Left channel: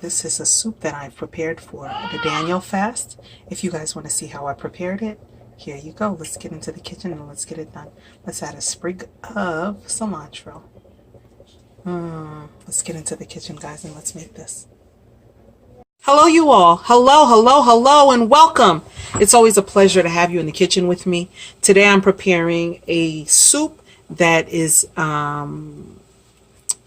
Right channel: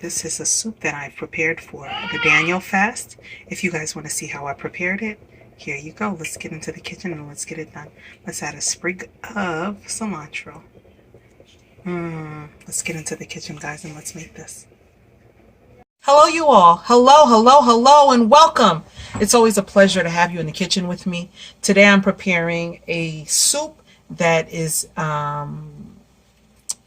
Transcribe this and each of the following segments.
This is a soup that I've prepared for the Daniel fast. If you guys want to see how I prepared it, here you go. Let's get into the kitchen and let's get it done. Let's add a sprig of cilantro. Let's get into the kitchen, guys, and let's make this. Hello, you all. Hello, hello, hello, and welcome. It's always a pleasure to have you in the kitchen with me. Today I'm preparing a soup that is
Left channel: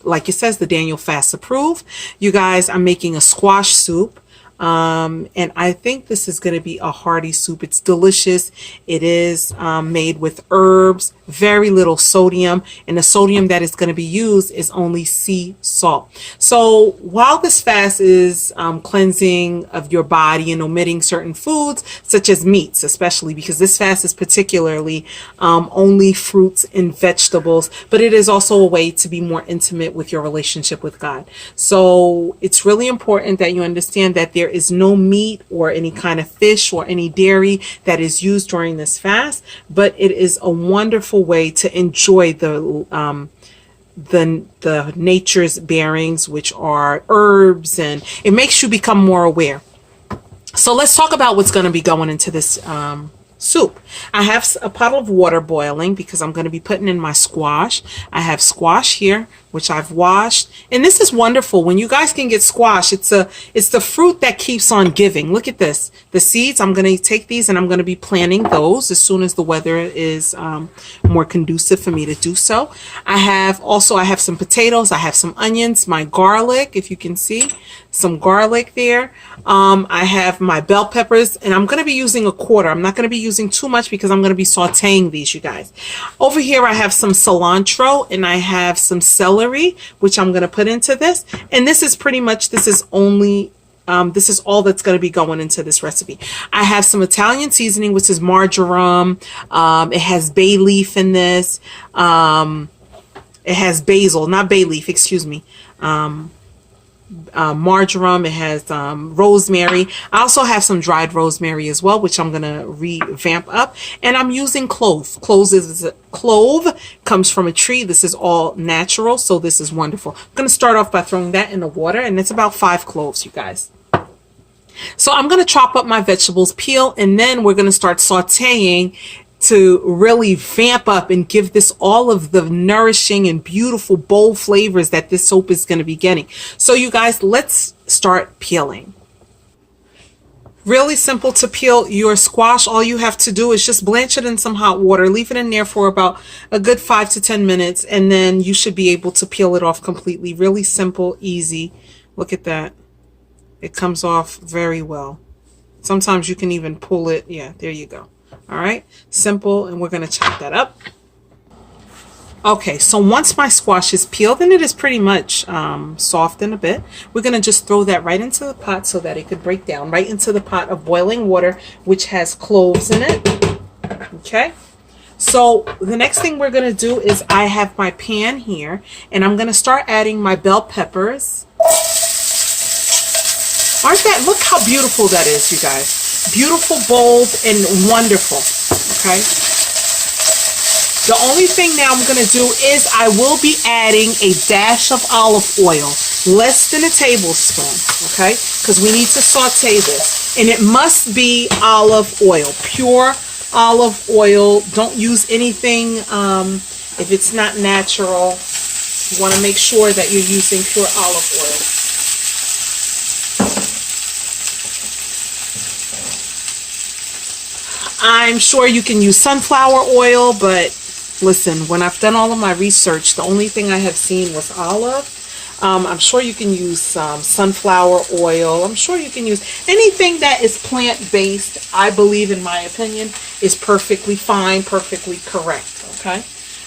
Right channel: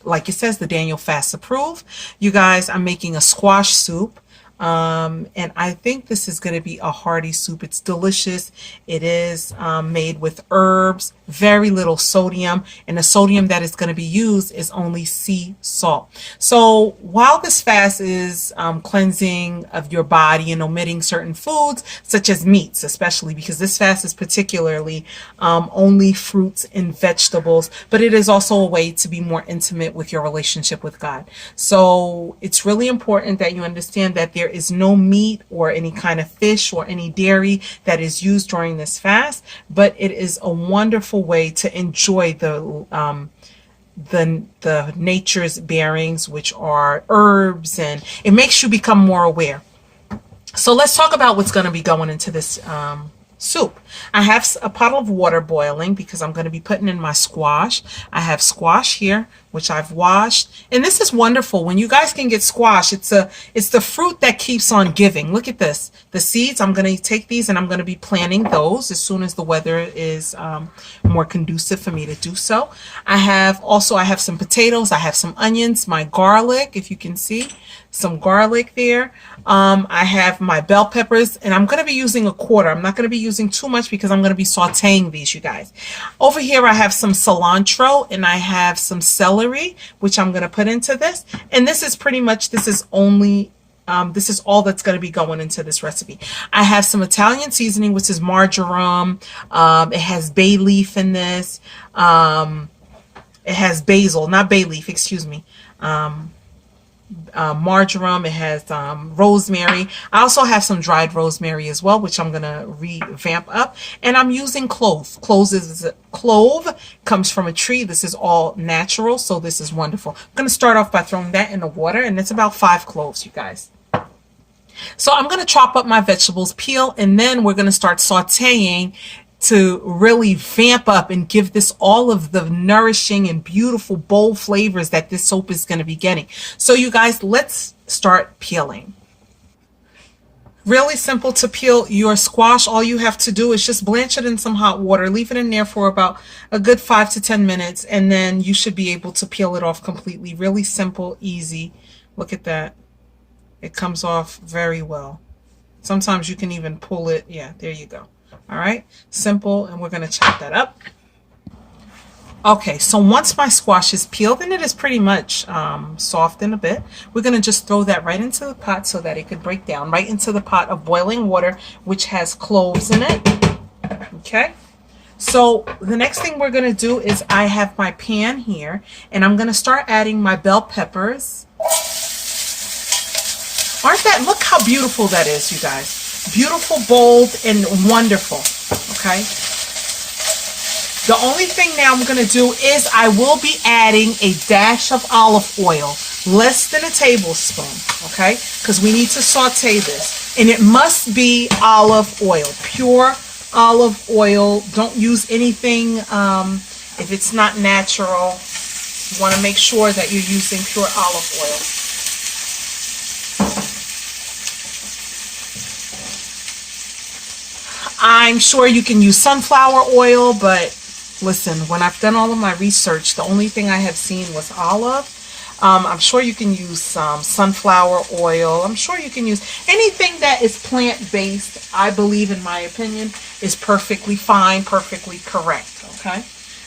like it says, the Daniel Fast approved. You guys, I'm making a squash soup. And I think this is going to be a hearty soup. It's delicious. It is made with herbs, very little sodium, and the sodium that is going to be used is only sea salt. So while this fast is cleansing of your body and omitting certain foods, such as meats, especially because this fast is particularly only fruits and vegetables, but it is also a way to be more intimate with your relationship with God. So it's really important that you understand that there is no meat or any kind of fish or any dairy that is used during this fast, but it is a wonderful way to enjoy the nature's bearings, which are herbs, and it makes you become more aware. So let's talk about what's going to be going into this soup. I have a pot of water boiling because I'm going to be putting in my squash. I have squash here, which I've washed, and this is wonderful. When you guys can get squash, it's the fruit that keeps on giving. Look at this. The seeds, I'm going to take these and I'm going to be planting those as soon as the weather is more conducive for me to do so. I have some potatoes, I have some onions, my garlic, if you can see, some garlic there. I have my bell peppers, and I'm going to be using a quarter. I'm not going to be using too much because I'm going to be sauteing these, you guys. Over here, I have some cilantro and I have some celery, which I'm going to put into this. And this is pretty much, this is all that's going to be going into this recipe. I have some Italian seasoning, which is marjoram. It has bay leaf in this. It has basil, not bay leaf, excuse me. Marjoram, it has rosemary. I also have some dried rosemary as well, which I'm gonna revamp up, and I'm using clove. Clove comes from a tree. This is all natural, so this is wonderful. I'm gonna start off by throwing that in the water, and it's about 5 cloves, you guys. So I'm gonna chop up my vegetables, peel, and then we're gonna start sauteing to really vamp up and give this all of the nourishing and beautiful, bold flavors that this soup is going to be getting. So you guys, let's start peeling. Really simple to peel your squash. All you have to do is just blanch it in some hot water, leave it in there for about a good 5 to 10 minutes, and then you should be able to peel it off completely. Really simple, easy. Look at that. It comes off very well. Sometimes you can even pull it. Yeah, there you go. All right, simple, and we're going to chop that up. Okay, so once my squash is peeled, and it is pretty much softened a bit, we're going to just throw that right into the pot so that it could break down, right into the pot of boiling water, which has cloves in it. Okay, so the next thing we're going to do is I have my pan here, and I'm going to start adding my bell peppers. Look how beautiful that is, you guys. Beautiful, bold, and wonderful. Okay. The only thing now I'm going to do is I will be adding a dash of olive oil, less than a tablespoon. Okay, because we need to saute this, and it must be olive oil, pure olive oil. Don't use anything if it's not natural. You want to make sure that you're using pure olive oil. I'm sure you can use sunflower oil, but listen, when I've done all of my research, the only thing I have seen was olive. I'm sure you can use some sunflower oil. I'm sure you can use anything that is plant-based. I believe, in my opinion, is perfectly fine, perfectly correct. Okay,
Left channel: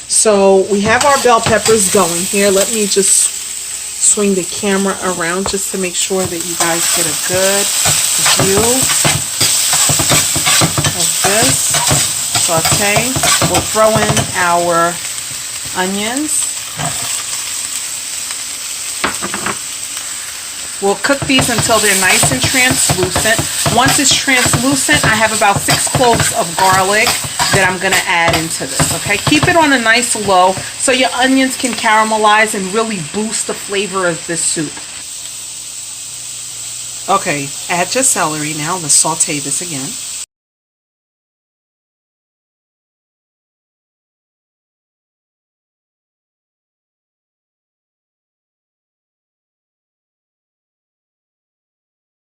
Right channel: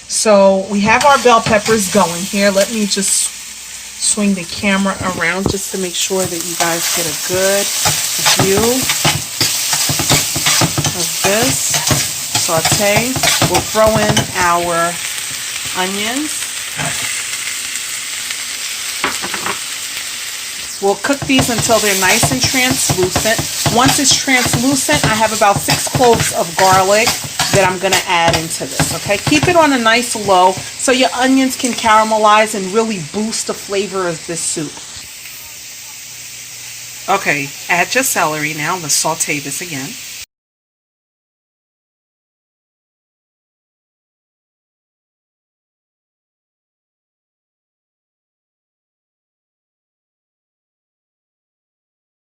so we have our bell peppers going here. Let me just swing the camera around just to make sure that you guys get a good view of this. Saute. We'll throw in our onions. We'll cook these until they're nice and translucent. Once it's translucent, I have about 6 cloves of garlic that I'm going to add into this. Okay, keep it on a nice low so your onions can caramelize and really boost the flavor of this soup. Okay, add your celery now. Let's saute this again.